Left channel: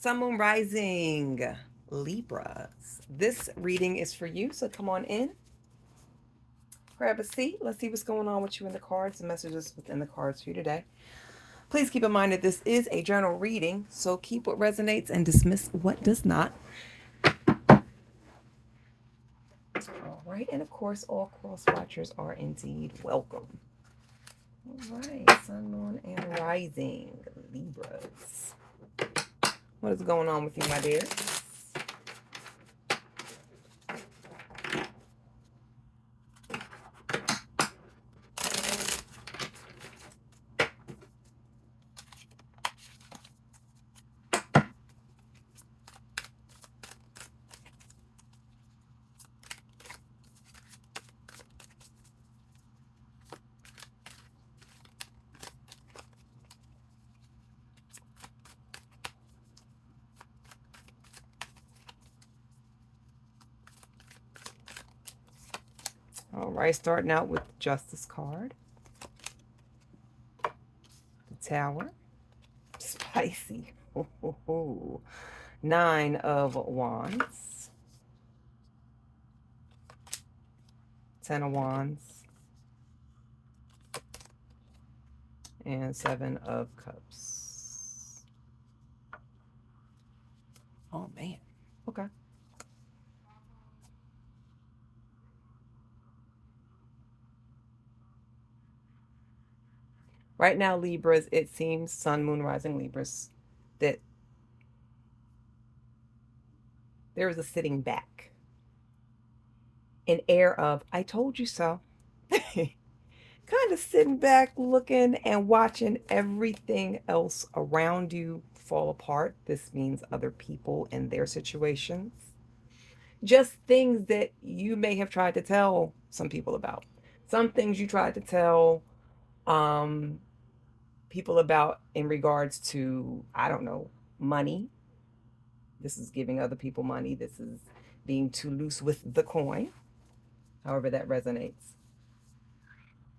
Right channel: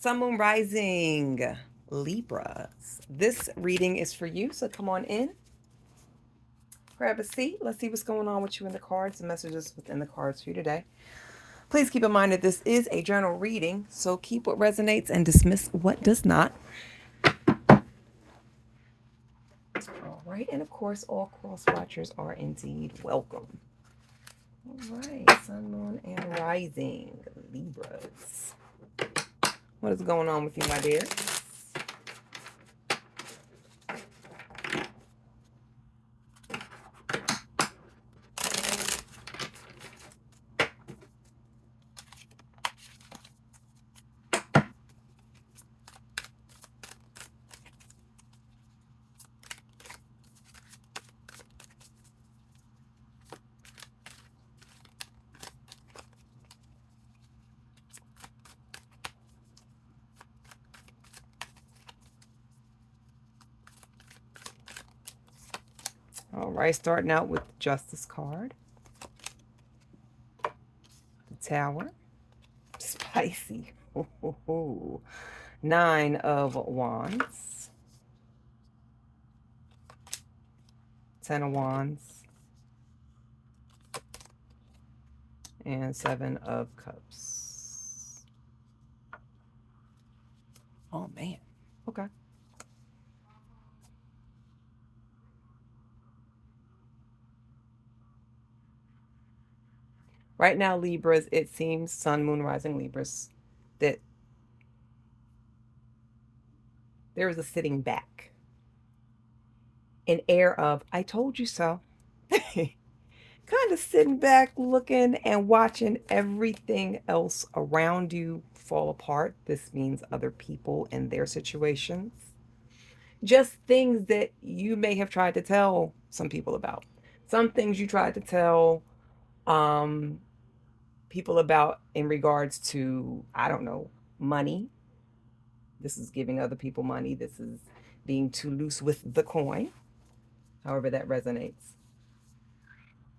Sun, Moon, Rising, Libras. This reading is for you, so come on in, grab a seat. Let's see what's going on with you in the cards, the messages within the cards for you today. Please keep in mind that this is a general reading, so keep what resonates and dismiss what does not. All right, and of course, all cross watchers are indeed welcome. All right, Sun, Moon, and Rising, Libras. What is going on with you, my dear? All right, starting out with the Justice card, the Tower, spicy. Ooh. 9 of Wands, 10 of Wands, and 7 of Cups. Oh, man. Okay. Right now, Libras, it seems, Sun, Moon, Rising Libras, that there is a sitting back, an air of, I told you so. Kind of sitting back, looking and watching everything else around you fall apart. This means other people and their situations. Just things that you may have tried to tell some people about. Some things you tried to tell um, people about in regards to, I don't know, money. This is giving other people money. This is being too loose with the coin, however that resonates.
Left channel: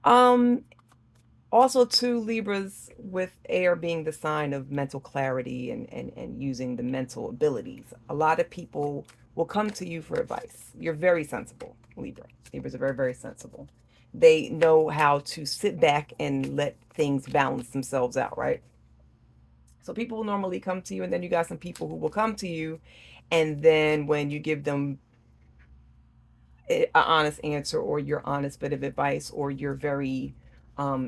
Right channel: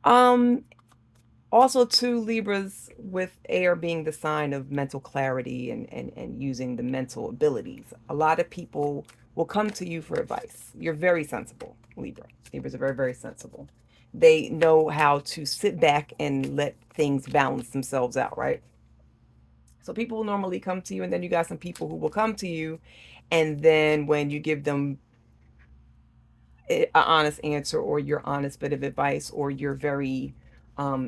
Um, Also, too, Libras with air being the sign of mental clarity and using the mental abilities. A lot of people will come to you for advice. You're very sensible, Libra. Libras are very, very sensible. They know how to sit back and let things balance themselves out, right? So people will normally come to you, and then you got some people who will come to you, and then when you give them an honest answer or your honest bit of advice or your very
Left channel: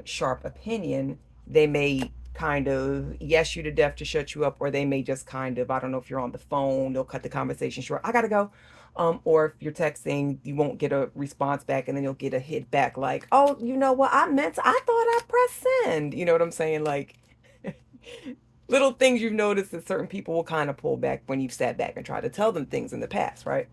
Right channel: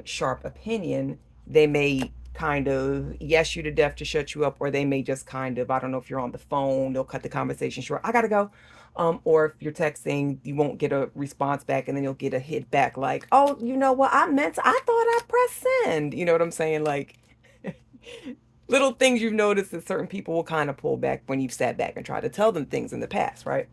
sharp opinion, they may kind of yes you to death to shut you up, or they may just kind of, I don't know, if you're on the phone, they'll cut the conversation short. I gotta go. Or if you're texting, you won't get a response back, and then you'll get a hit back like, oh, you know what, I thought I pressed send. You know what I'm saying? Like, little things you've noticed that certain people will kind of pull back when you've sat back and tried to tell them things in the past, right?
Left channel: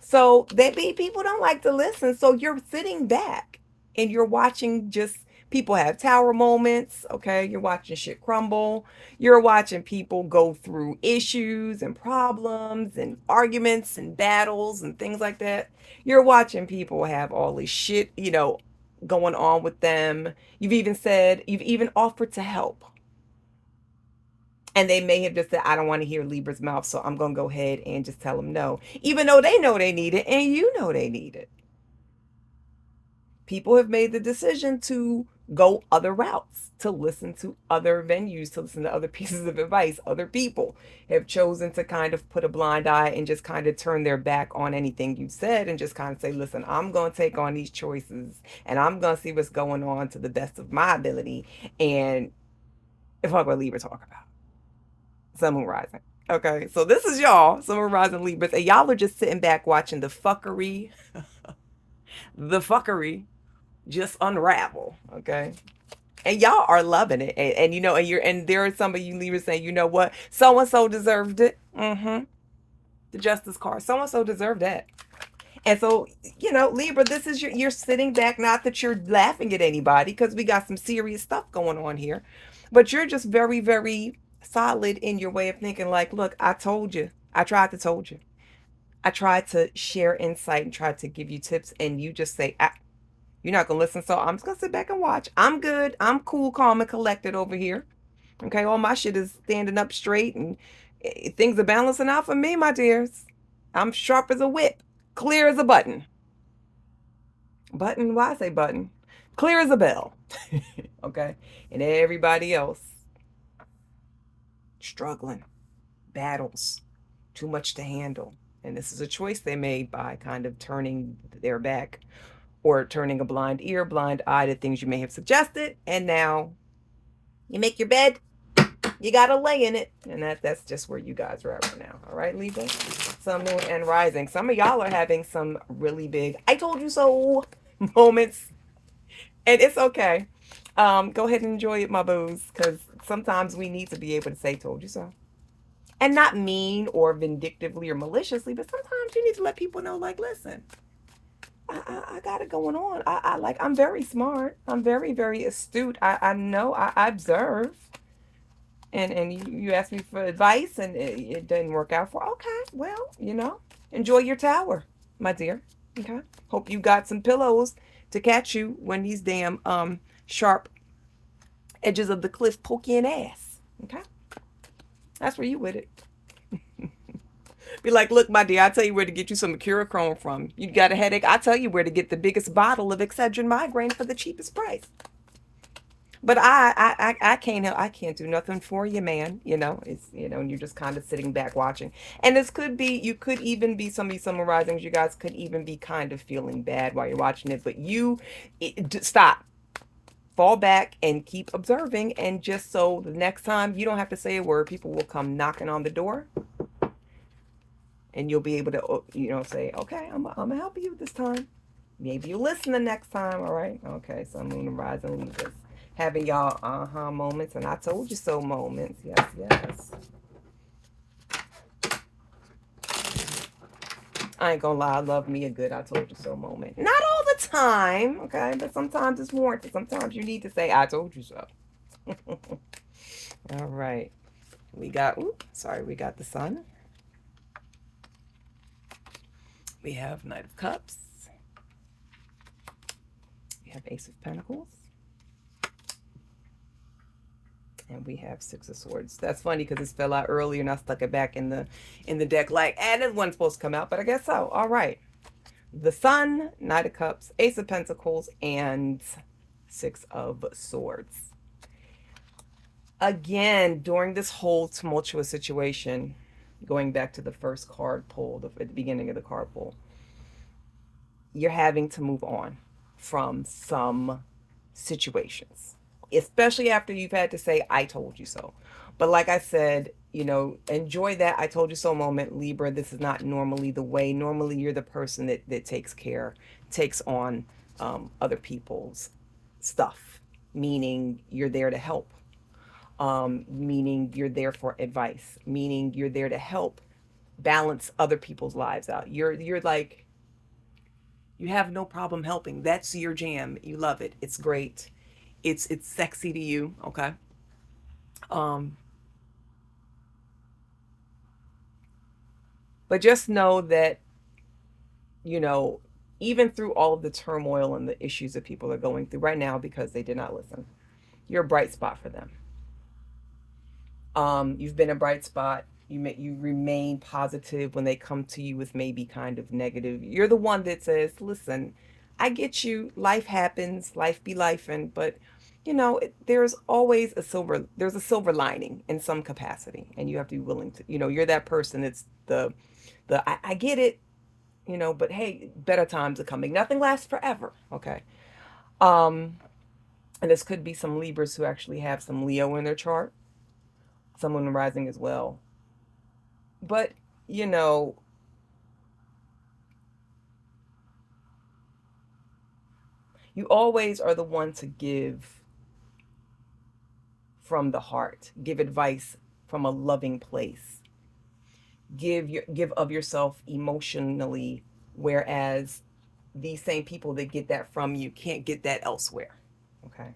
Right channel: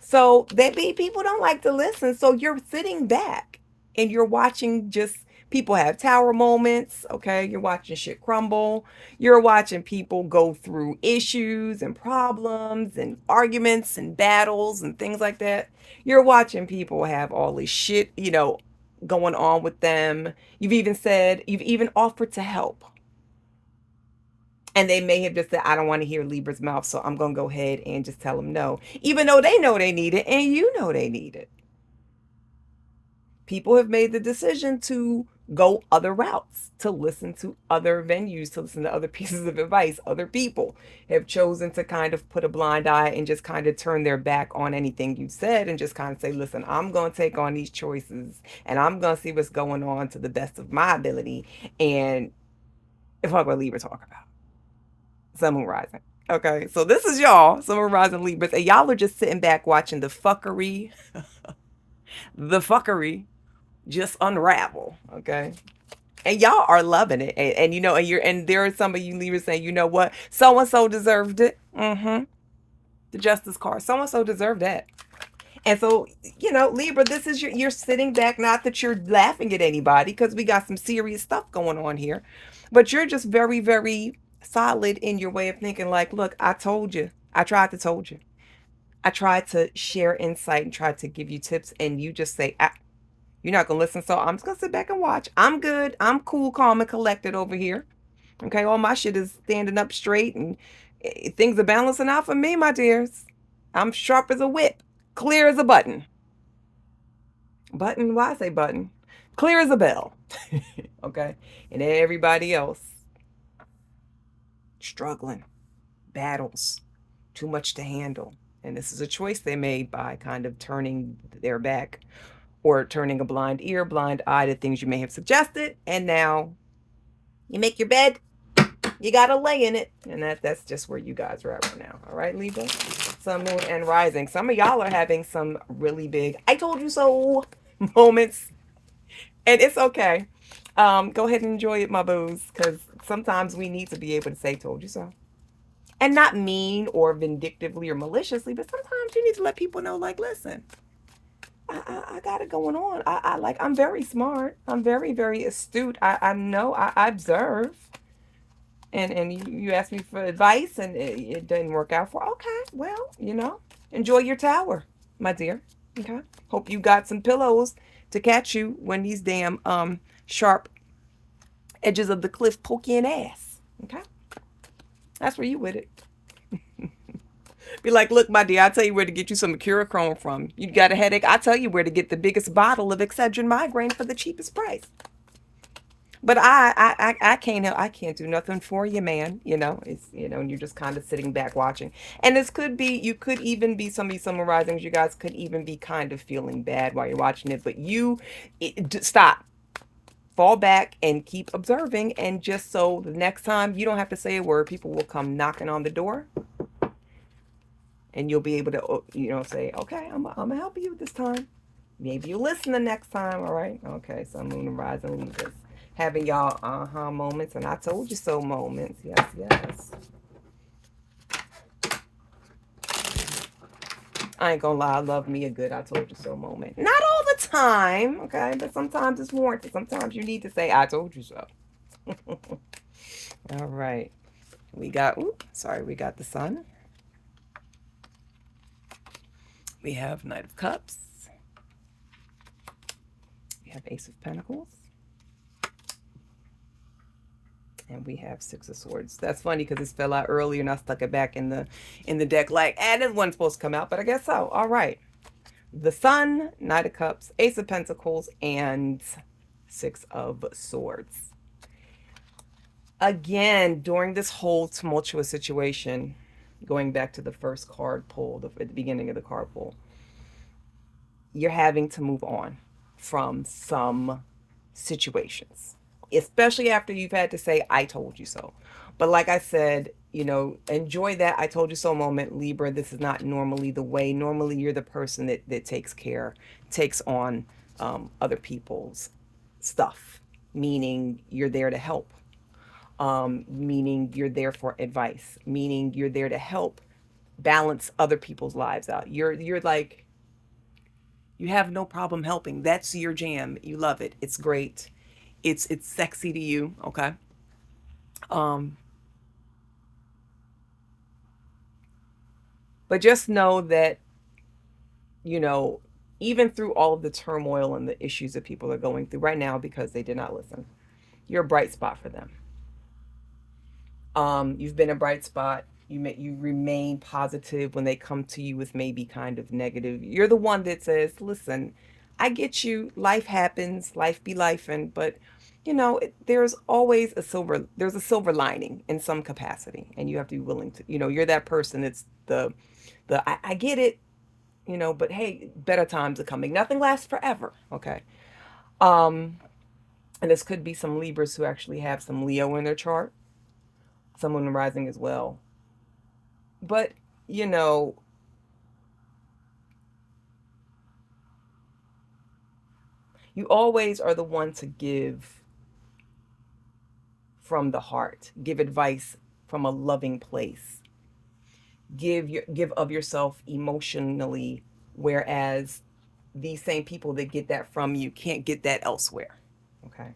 So that be people don't like to listen. So you're sitting back and you're watching just people have tower moments. Okay. You're watching shit crumble. You're watching people go through issues and problems and arguments and battles and things like that. You're watching people have all this shit, going on with them. You've even offered to help. And they may have just said, I don't want to hear Libra's mouth, so I'm going to go ahead and just tell them no. Even though they know they need it and you know they need it. People have made the decision to go other routes, to listen to other venues, to listen to other pieces of advice. Other people have chosen to kind of put a blind eye and just kind of turn their back on anything you said and just kind of say, listen, I'm going to take on these choices and I'm going to see what's going on to the best of my ability. And if I'm going to Libra talk about Sun, Moon, Rising. Okay, so this is y'all, Sun, Moon, Rising, Libras, and y'all are just sitting back watching the fuckery just unravel. Okay, and y'all are loving it, and and there are some of you Libras saying, you know what, so and so deserved it. The Justice card, so and so deserved that. And so, Libra, this is you're sitting back, not that you're laughing at anybody, because we got some serious stuff going on here, but you're just very, very solid in your way of thinking. Like, look, I told you. I tried to told you. I tried to share insight and tried to give you tips, and you just say, you're not going to listen, so I'm just going to sit back and watch. I'm good. I'm cool, calm, and collected over here. Okay, all my shit is standing up straight, and Things are balancing out for me, my dears. I'm sharp as a whip, clear as a button. Button? Why I say button? Clear as a bell. Okay? And everybody else struggling, battles, too much to handle. And this is a choice they made by kind of turning their back or turning a blind ear, blind eye to things you may have suggested. And now you make your bed, you gotta lay in it. And that's just where you guys are at right now. All right, Libra? Sun, Moon, and Rising. Some of y'all are having some really big I told you so moments. And it's okay. Go ahead and enjoy it, my boos, because sometimes we need to be able to say told you so. And not mean or vindictively or maliciously, but sometimes you need to let people know, like, listen, I got it going on. I'm very smart. I'm very, very astute. I know, I observe. And you asked me for advice and it didn't work out for, okay, well, enjoy your tower, my dear. Okay. Hope you got some pillows to catch you when these damn sharp edges of the cliff poke you in the ass. Okay. That's where you with it. Be like, look, my dear, I'll tell you where to get you some Mercurochrome from. You got a headache? I'll tell you where to get the biggest bottle of Excedrin migraine for the cheapest price. But I can't help. I can't do nothing for you, man. It's and you're just kind of sitting back watching. And this could be, you could even be, some of these summarizings, you guys could even be kind of feeling bad while you're watching it. But stop, fall back, and keep observing. And just so the next time you don't have to say a word, people will come knocking on the door. And you'll be able to, say, okay, I'm gonna help you this time. Maybe you listen the next time, all right? Okay, so Moon and Rising Libras. Having y'all aha moments and I told you so moments. Yes, yes. I ain't gonna lie, I love me a good I told you so moment. Not all the time, okay? But sometimes it's warranted. Sometimes you need to say, I told you so. All right. We got the Sun. We have Knight of Cups. We have Ace of Pentacles. And we have Six of Swords. That's funny because this fell out earlier and I stuck it back in the deck like, this one's supposed to come out, but I guess so. All right. The Sun, Knight of Cups, Ace of Pentacles, and Six of Swords. Again, during this whole tumultuous situation, going back to the first card pulled at the beginning of the card pull, you're having to move on from some situations, especially after you've had to say, I told you so. But like I said, enjoy that I told you so moment, Libra. This is not normally the way. Normally, you're the person that takes on other people's stuff, meaning you're there to help, meaning you're there for advice, meaning you're there to help balance other people's lives out. You're like, you have no problem helping. That's your jam. You love it. It's great. It's sexy to you, okay? But just know that, even through all of the turmoil and the issues that people are going through right now because they did not listen, you're a bright spot for them. You've been a bright spot. You remain positive when they come to you with maybe kind of negative. You're the one that says, listen, I get you. Life happens. Life be lifing. But, there's always a silver lining in some capacity. And you have to be willing to, you're that person that's I get it, but hey, better times are coming. Nothing lasts forever. Okay. And this could be some Libras who actually have some Leo in their chart. Someone rising as well. But, you always are the one to give from the heart, give advice from a loving place, give of yourself emotionally, whereas these same people that get that from you can't get that elsewhere. Okay.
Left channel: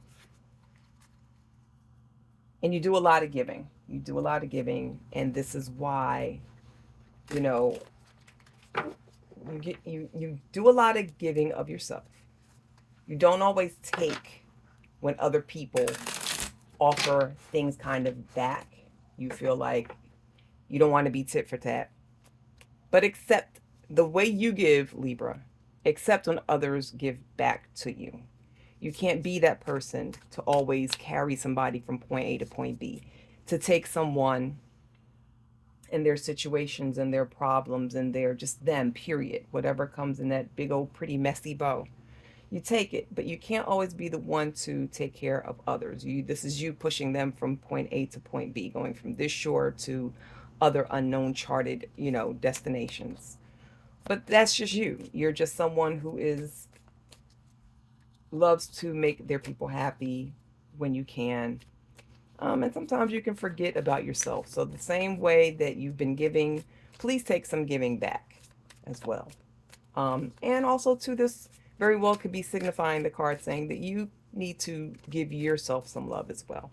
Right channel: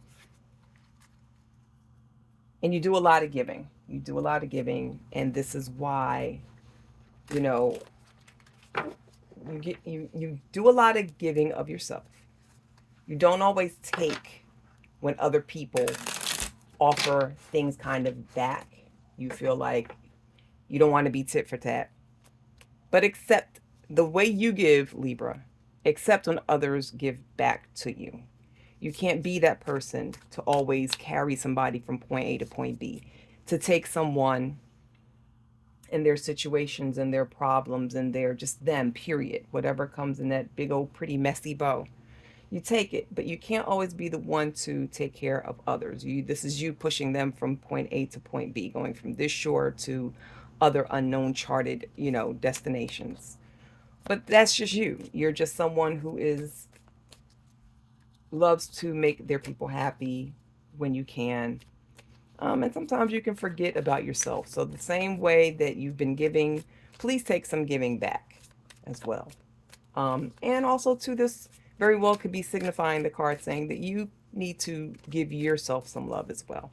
And you do a lot of giving. You do a lot of giving, and this is why, you do a lot of giving of yourself. You don't always take when other people offer things kind of back. You feel like You don't want to be tit for tat. But accept the way you give, Libra. Accept when others give back to you. You can't be that person to always carry somebody from point A to point B. To take someone and their situations and their problems and their just them, period. Whatever comes in that big old pretty messy bow. You take it, but you can't always be the one to take care of others. This is you pushing them from point A to point B, going from this shore to other unknown charted, destinations. But that's just you. You're just someone who is loves to make their people happy when you can. And sometimes you can forget about yourself. So the same way that you've been giving, please take some giving back as well. And also to this very well could be signifying the card saying that you need to give yourself some love as well.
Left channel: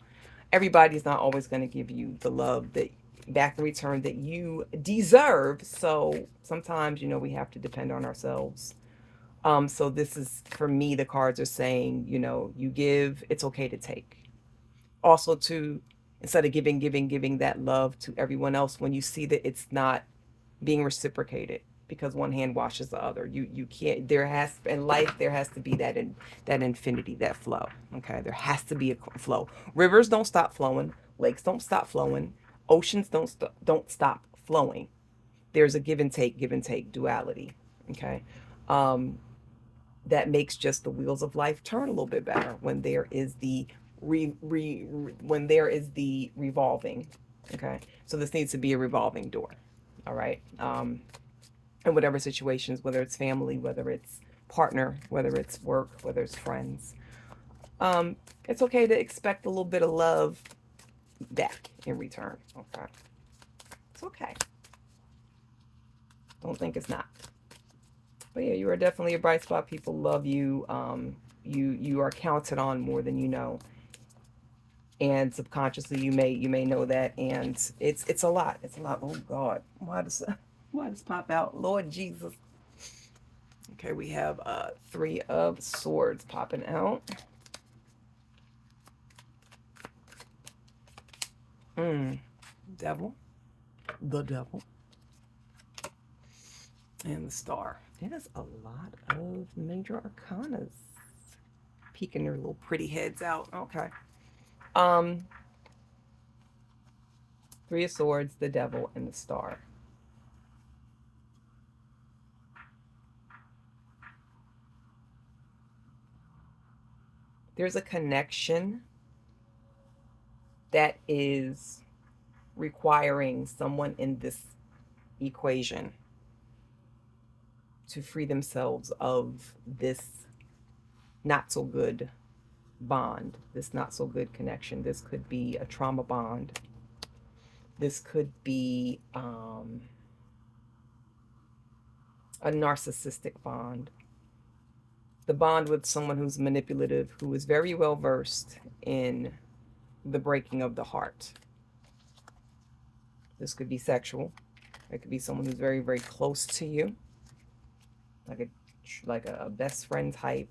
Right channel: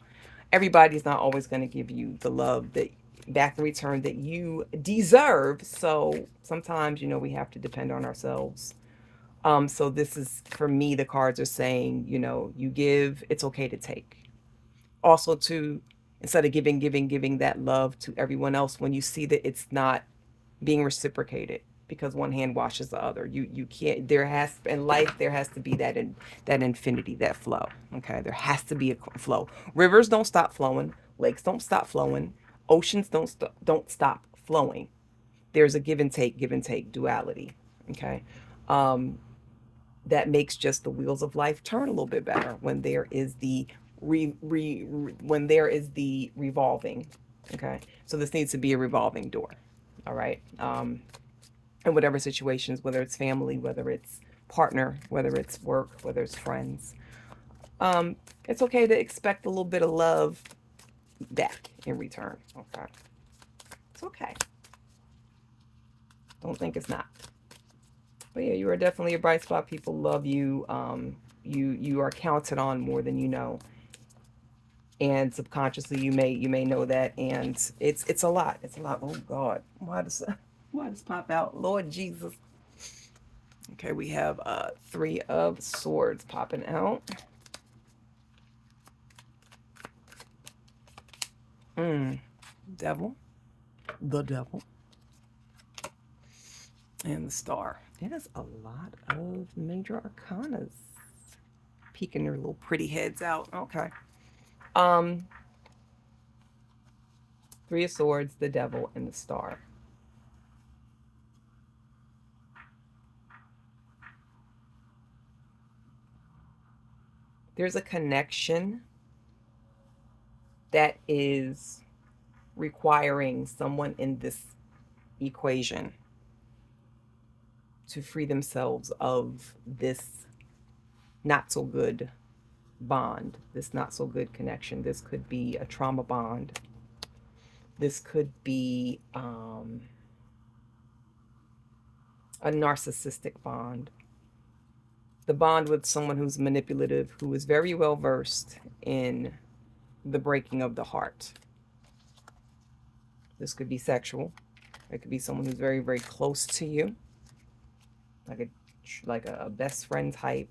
Everybody's not always going to give you the love that back in return that you deserve. So sometimes, we have to depend on ourselves. So this is for me, the cards are saying, you give, it's okay to take. Also to instead of giving that love to everyone else when you see that it's not being reciprocated because one hand washes the other. You can't. In life there has to be that infinity, that flow. Okay, there has to be a flow. Rivers don't stop flowing. Lakes don't stop flowing. Oceans don't stop flowing. There's a give and take duality. Okay, that makes just the wheels of life turn a little bit better when there is the when there is the revolving. Okay, so this needs to be a revolving door. All right. In whatever situations, whether it's family, whether it's partner, whether it's work, whether it's friends, it's okay to expect a little bit of love back in return. Okay, it's okay. Don't think it's not. But yeah, you are definitely a bright spot. People love you. You are counted on more than you know, and subconsciously you may know that, and it's a lot. It's a lot. Oh God, why does pop out? Lord Jesus. Okay, we have Three of Swords popping out. Devil, the devil, and the Star. There's a lot of major arcanas peeking their little pretty heads out. Okay. Three of Swords, the Devil, and the Star. There's a connection that is requiring someone in this equation to free themselves of this not so good bond, this not so good connection. This could be a trauma bond. This could be a narcissistic bond. The bond with someone who's manipulative, who is very well versed in the breaking of the heart. This could be sexual. It could be someone who's very, very close to you, like a best friend type.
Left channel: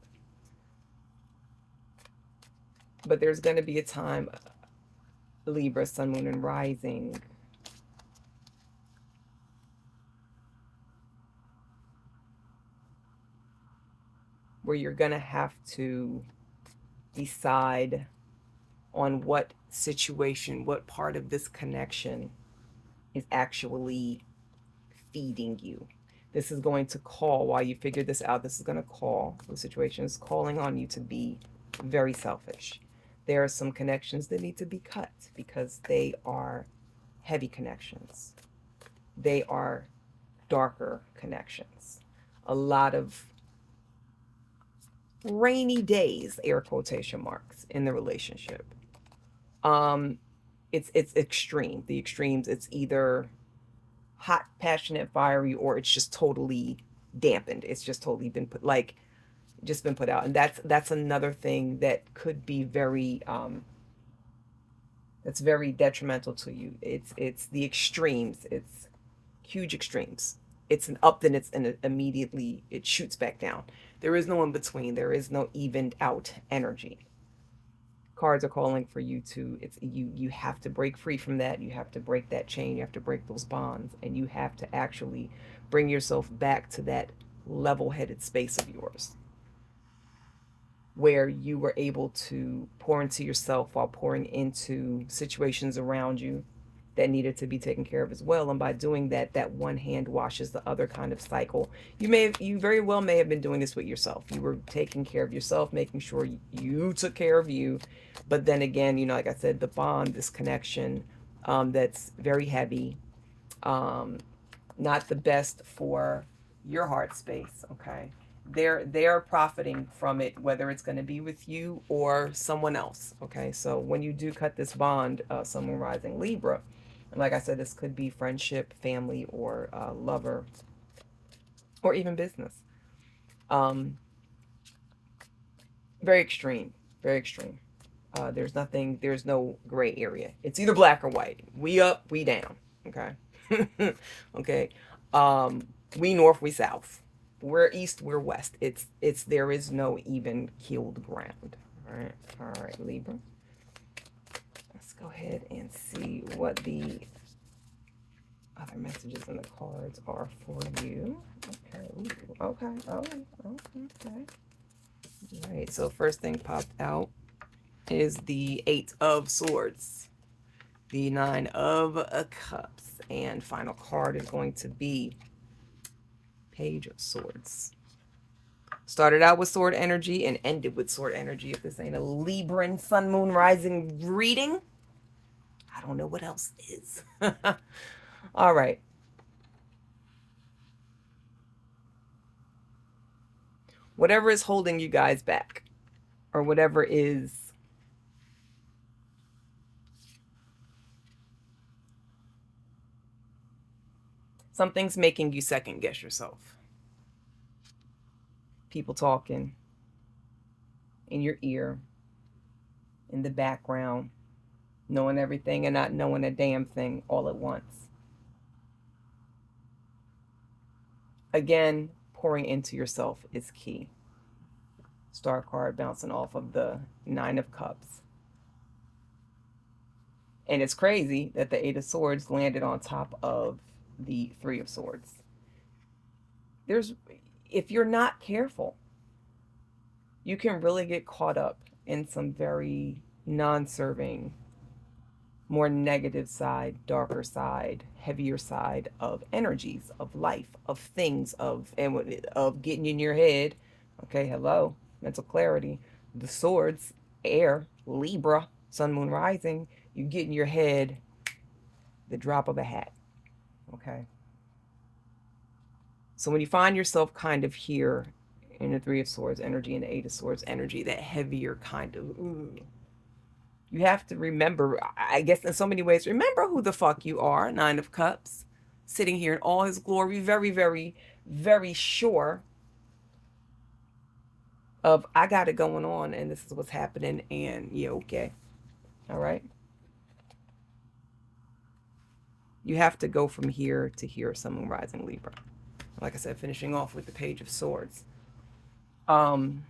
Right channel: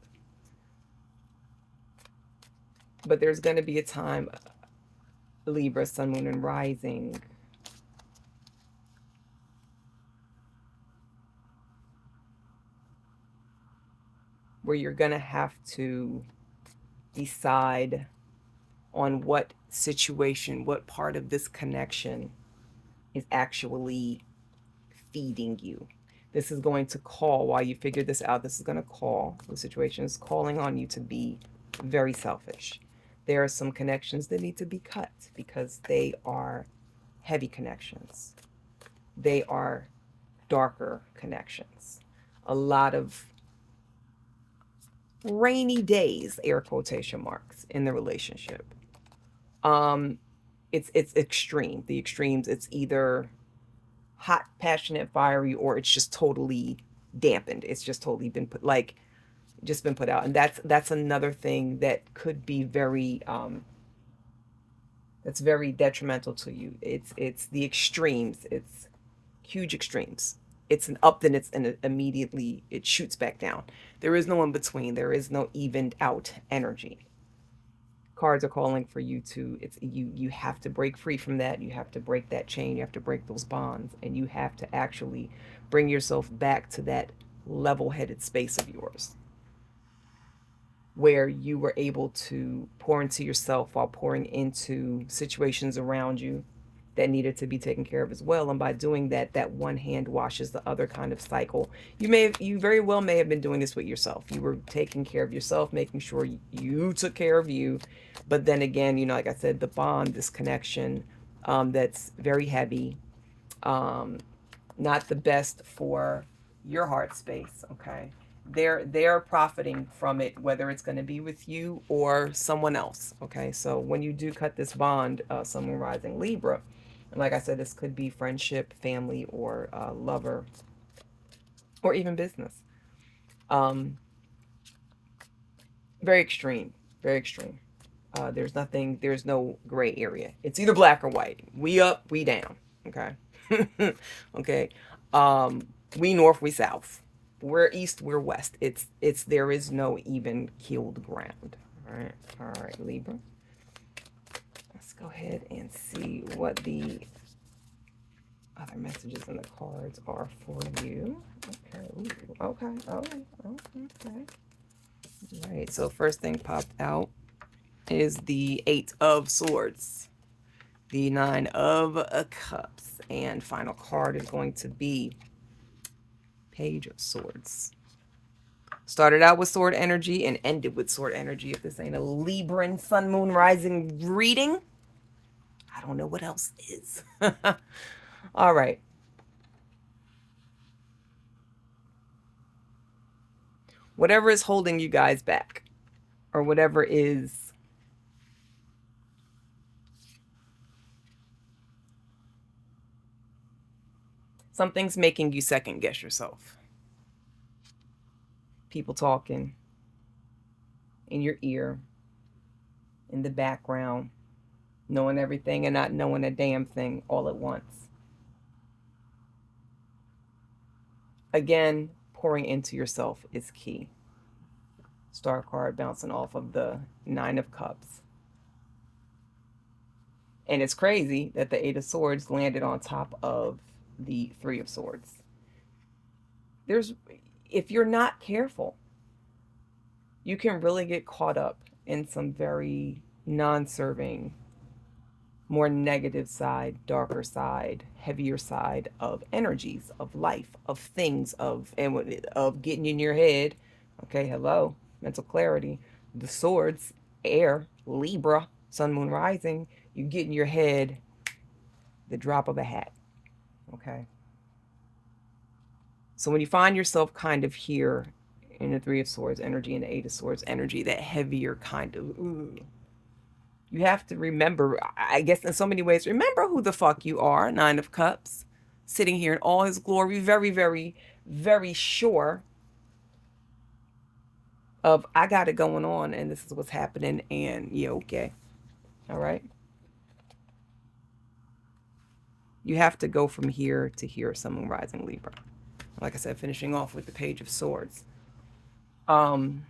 But there's going to be a time, Libra, Sun, Moon, and Rising, where you're going to have to decide on what situation, what part of this connection is actually feeding you. This is going to call, while you figure this out, this is going to call, the situation is calling on you to be very selfish. There are some connections that need to be cut because they are heavy connections. They are darker connections. A lot of rainy days, air quotation marks, in the relationship. It's extreme. The extremes, it's either hot, passionate, fiery, or it's just totally dampened. It's just totally been put out. And that's another thing that could be very that's very detrimental to you. It's the extremes. It's huge extremes. It's an up, then immediately it shoots back down. There is no in between. There is no evened out energy. Cards are calling for you to, it's you have to break free from that. You have to break that chain. You have to break those bonds, and you have to actually bring yourself back to that level-headed space of yours where you were able to pour into yourself while pouring into situations around you that needed to be taken care of as well. And by doing that, that one hand washes the other kind of cycle. You very well may have been doing this with yourself. You were taking care of yourself, making sure you took care of you. But then again, like I said, the bond, this connection, that's very heavy, um, not the best for your heart space. Okay, they're profiting from it, whether it's going to be with you or someone else. Okay, so when you do cut this bond, Sun Moon Rising Libra, and like I said, this could be friendship, family, or lover, or even business. Um, very extreme, very extreme. There's no gray area. It's either black or white. We up, we down. Okay. Okay. We north, we south. We're east, we're west. There is no even keeled ground. All right, Libra. Let's go ahead and see what the other messages in the cards are for you. Okay. Ooh, okay. Okay. Okay. All right. So first thing popped out is the Eight of Swords, the Nine of Cups, and final card is going to be Page of Swords. Started out with sword energy and ended with sword energy. If this ain't a Libran Sun Moon Rising reading, I don't know what else is. All right. Whatever is holding you guys back, or whatever is something's making you second guess yourself. People talking in your ear, in the background, knowing everything and not knowing a damn thing all at once. Again, pouring into yourself is key. Star card bouncing off of the Nine of Cups. And it's crazy that the Eight of Swords landed on top of the Three of Swords. If you're not careful, you can really get caught up in some very non-serving, more negative side, darker side, heavier side of energies, of life, of things, of getting in your head. Okay, hello, mental clarity. The swords, air, Libra, Sun, Moon, Rising. You get in your head, the drop of a hat. Okay. So when you find yourself kind of here in the Three of Swords energy and the Eight of Swords energy, that heavier kind of, you have to remember, I guess in so many ways, remember who the fuck you are. Nine of Cups, sitting here in all his glory, very, very, very sure of, I got it going on and this is what's happening and yeah, okay. All right. You have to go from here to here, Sun, Moon, Rising, Libra. Like I said, finishing off with the Page of Swords. The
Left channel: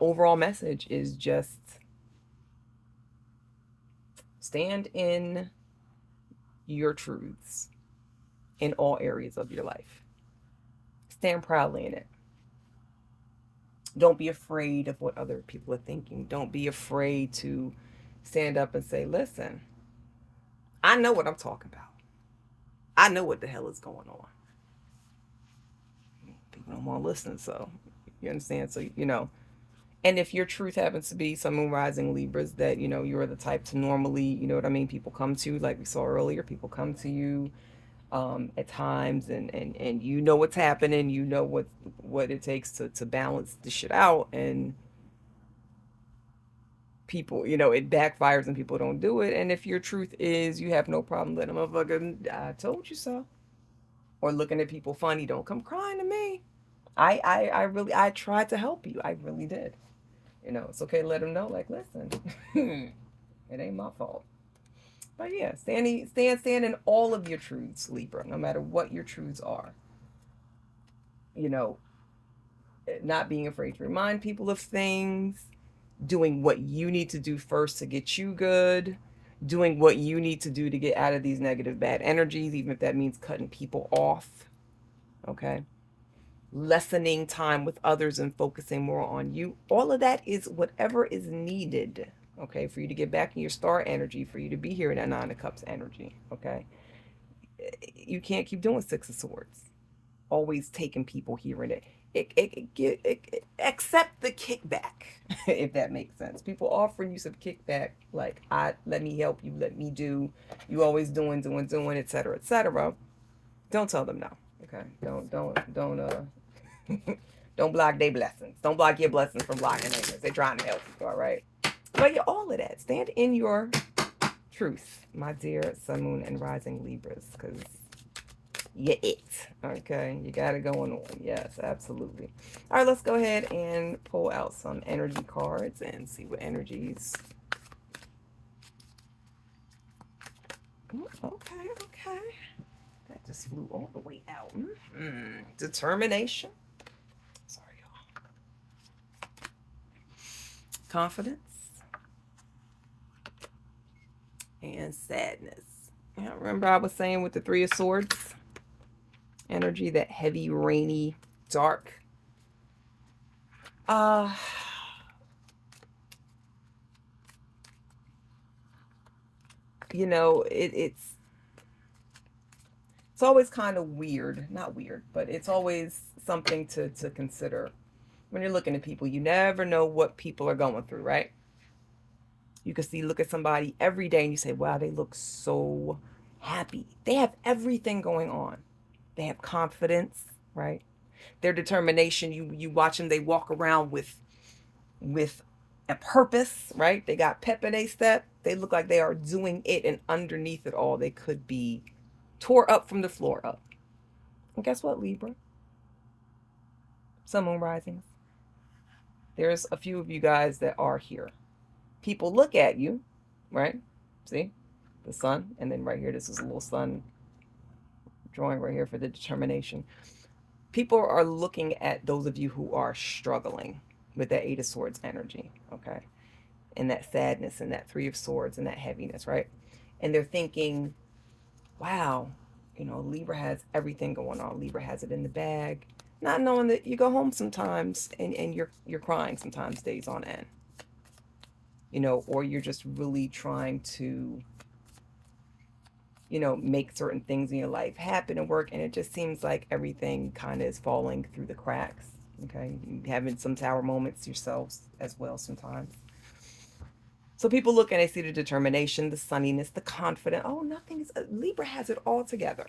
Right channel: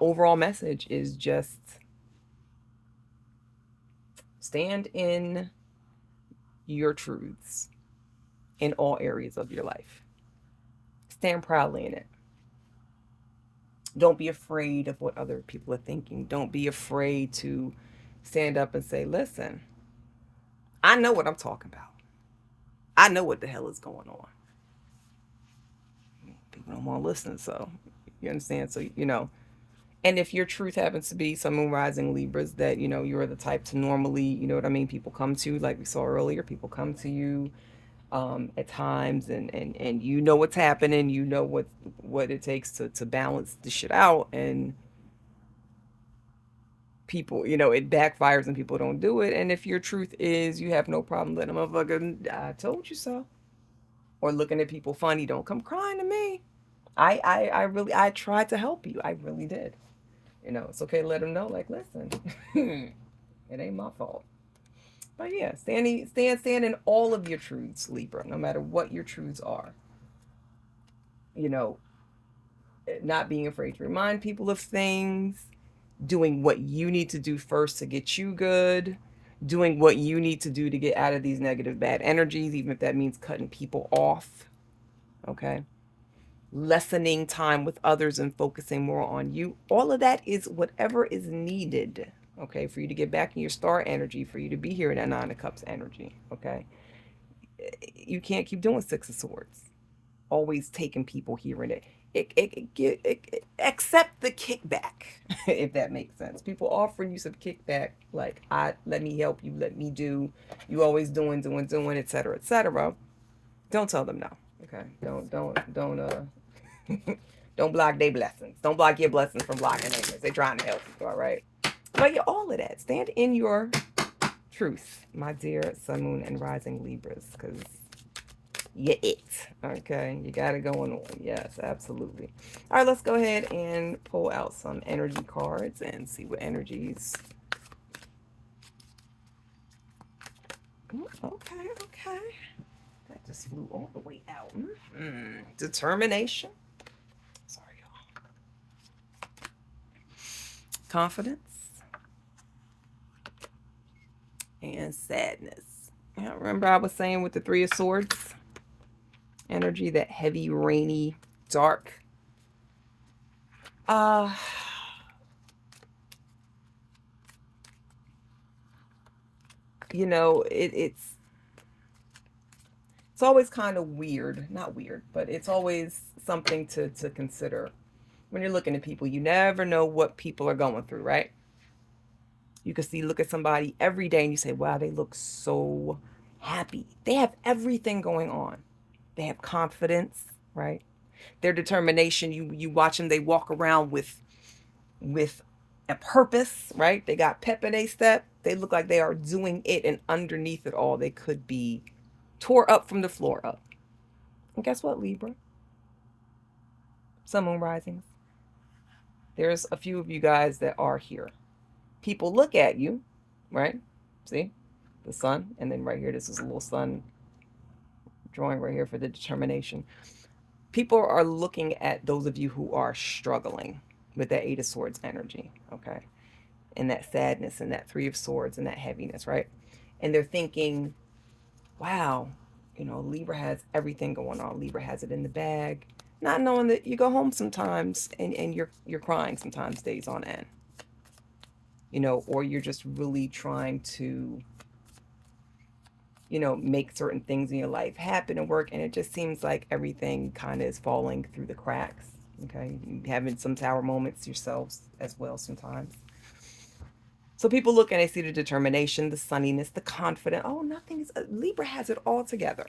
overall message is just stand in your truths in all areas of your life. Stand proudly in it. Don't be afraid of what other people are thinking. Don't be afraid to stand up and say, listen, I know what I'm talking about. I know what the hell is going on. People don't want to listen, so you understand? So, and if your truth happens to be Sun, Moon, Rising Libras, that, you're the type to normally, you know what I mean, people come to, like we saw earlier, people come to you at times and you know what's happening, you know what it takes to balance the shit out, and people, it backfires and people don't do it. And if your truth is you have no problem letting a motherfucker, I told you so, or looking at people funny, don't come crying to me. I tried to help you. I really did. It's okay to let them know, like, listen, it ain't my fault. But yeah, stand in all of your truths, Libra, no matter what your truths are. not being afraid to remind people of things, doing what you need to do first to get you good, doing what you need to do to get out of these negative, bad energies, even if that means cutting people off. Okay. Lessening time with others and focusing more on you. All of that is whatever is needed, okay, for you to get back in your star energy, for you to be here in that Nine of Cups energy, okay? You can't keep doing Six of Swords, always taking people here and there. Accept the kickback, if that makes sense. People offering you some kickback, like, let me help you, let me do, you always doing, etc., etc. Don't tell them no, okay? Don't block their blessings. Don't block your blessings from blocking theirs. They're trying to help you, all right? But you're all of that. Stand in your truth, my dear Sun, Moon, and Rising Libras, because you're it, okay? You got it going on. Yes, absolutely. All right, let's go ahead and pull out some energy cards and see what energies. Okay, okay. That just flew all the way out. Determination. Sorry, y'all. Confidence. And sadness. Yeah, remember I was saying with the Three of Swords? Energy, that heavy, rainy, dark. You know, it's always kind of weird. Not weird, but it's always something to consider. When you're looking at people, you never know what people are going through, right? You can look at somebody every day and you say, wow, they look so happy. They have everything going on. They have confidence, right? Their determination, you watch them, they walk around with a purpose, right? They got pep in their step. They look like they are doing it, and underneath it all, they could be tore up from the floor up. And guess what, Libra? Sun, Moon, Risings. There's a few of you guys that are here. People look at you, right? See? The sun, and then right here, this is a little sun drawing right here for the determination. People are looking at those of you who are struggling with that Eight of Swords energy, okay? And that sadness and that Three of Swords and that heaviness, right? And they're thinking, wow, you know, Libra has everything going on. Libra has it in the bag. Not knowing that you go home sometimes and you're crying sometimes days on end. You know, or you're just really trying to, you know, make certain things in your life happen and work, and it just seems like everything kind of is falling through the cracks. Okay, you're having some tower moments yourselves as well sometimes. So people look and they see the determination, the sunniness, the confidence. Oh, nothing's, Libra has it all together.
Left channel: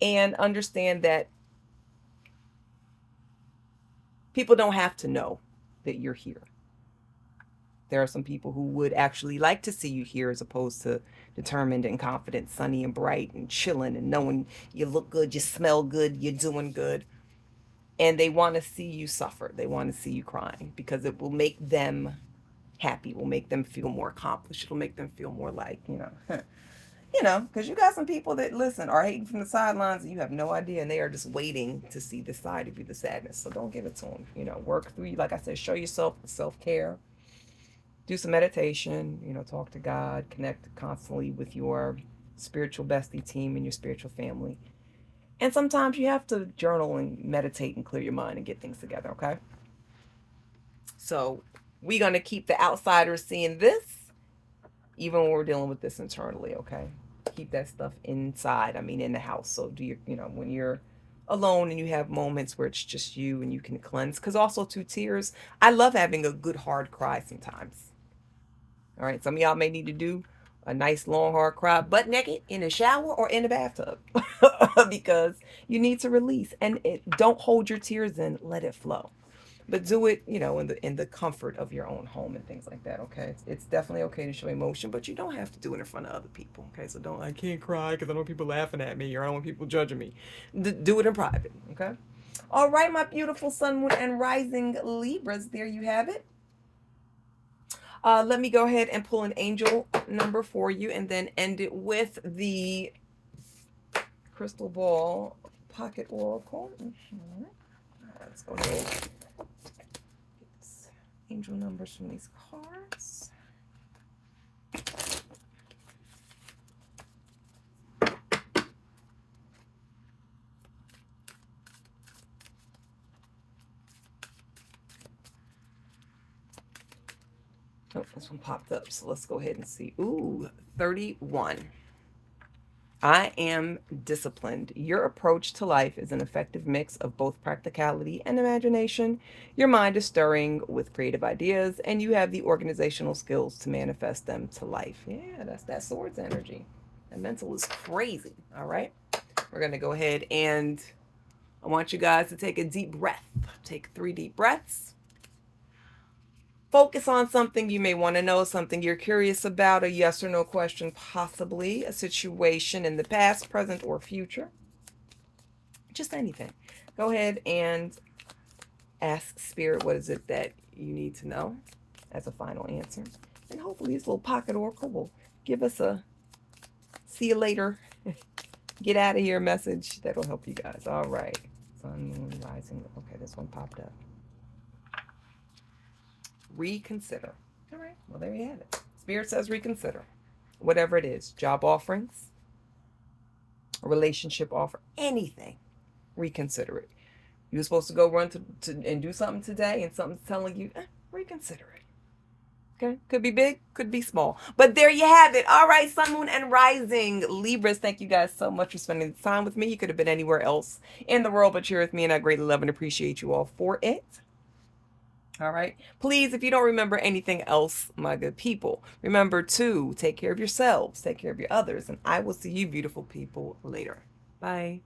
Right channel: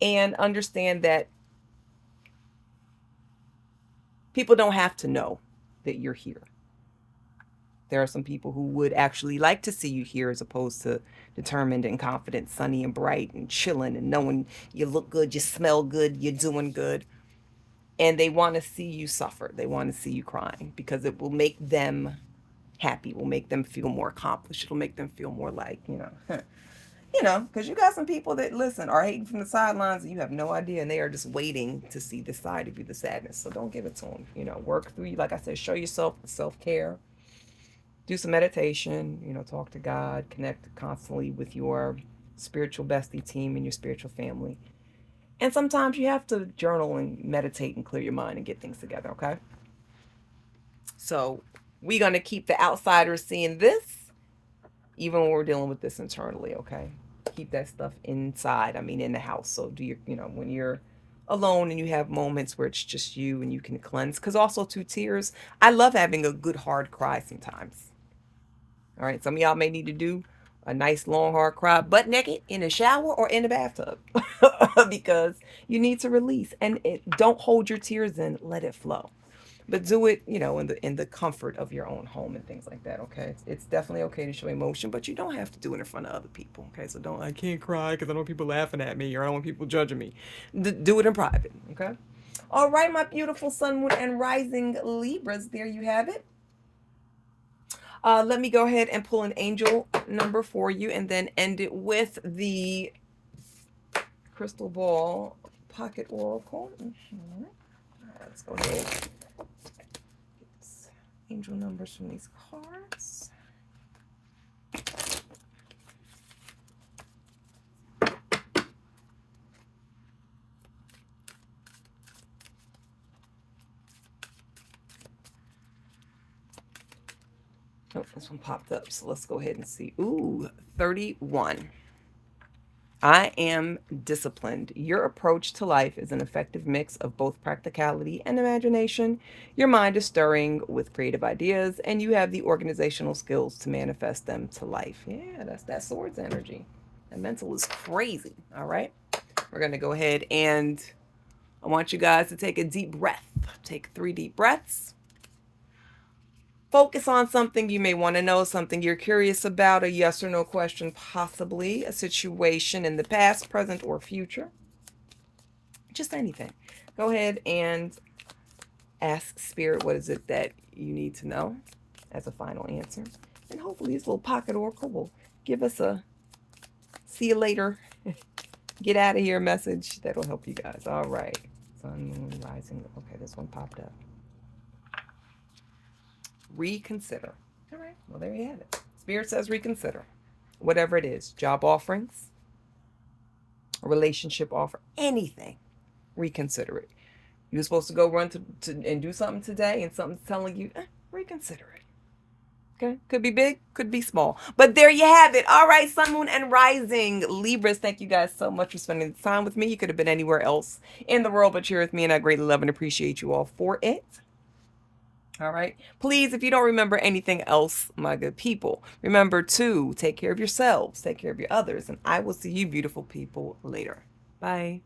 And understand that people don't have to know that you're here. There are some people who would actually like to see you here as opposed to determined and confident, sunny and bright and chilling and knowing you look good, you smell good, you're doing good. And they want to see you suffer. They want to see you crying because it will make them happy, will make them feel more accomplished. It'll make them feel more like, you know, because you got some people that, listen, are hating from the sidelines and you have no idea, and they are just waiting to see this side of you, the sadness. So don't give it to them. You know, work through, like I said, show yourself self-care. Do some meditation, you know, talk to God, connect constantly with your spiritual bestie team and your spiritual family. And sometimes you have to journal and meditate and clear your mind and get things together, okay? So we're going to keep the outsiders seeing this, even when we're dealing with this internally, okay? Keep that stuff inside, in the house. So do you know, when you're alone and you have moments where it's just you and you can cleanse. Because also, too, tears, I love having a good hard cry sometimes. All right, some of y'all may need to do a nice long hard cry butt naked in a shower or in a bathtub because you need to release. And don't hold your tears in, let it flow. But do it, you know, in the comfort of your own home and things like that, okay? It's definitely okay to show emotion, but you don't have to do it in front of other people, okay? So don't, I can't cry because I don't want people laughing at me or I don't want people judging me. Do it in private, okay? All right, my beautiful Sun, Moon, and Rising Libras, there you have it. Let me go ahead and pull an angel number for you and then end it with the crystal ball pocket oracle. Let's go ahead. Angel numbers from these cards. Oh, this one popped up, so let's go ahead and see. Ooh, 31. I am disciplined. Your approach to life is an effective mix of both practicality and imagination. Your mind is stirring with creative ideas, and you have the organizational skills to manifest them to life. Yeah, that's that swords energy. That mental is crazy. All right. We're going to go ahead and I want you guys to take a deep breath. Take 3 deep breaths. Focus on something you may want to know, something you're curious about, a yes or no question, possibly a situation in the past, present, or future. Just anything. Go ahead and ask Spirit, what is it that you need to know as a final answer. And hopefully this little pocket oracle will give us a see you later, get out of here message that'll help you guys. All right. Sun, moon, rising. Okay, this one popped up. Reconsider. All right, well, there you have it. Spirit says reconsider. Whatever it is, job offerings, a relationship offer, anything, reconsider it. You're supposed to go run to and do something today, and something's telling you, reconsider it. Okay, could be big, could be small. But there you have it. All right, Sun, Moon, and Rising. Libras, thank you guys so much for spending time with me. You could have been anywhere else in the world, but you're with me, and I greatly love and appreciate you all for it. All right. Please, if you don't remember anything else, my good people, remember to take care of yourselves, take care of your others, and I will see you beautiful people later. Bye.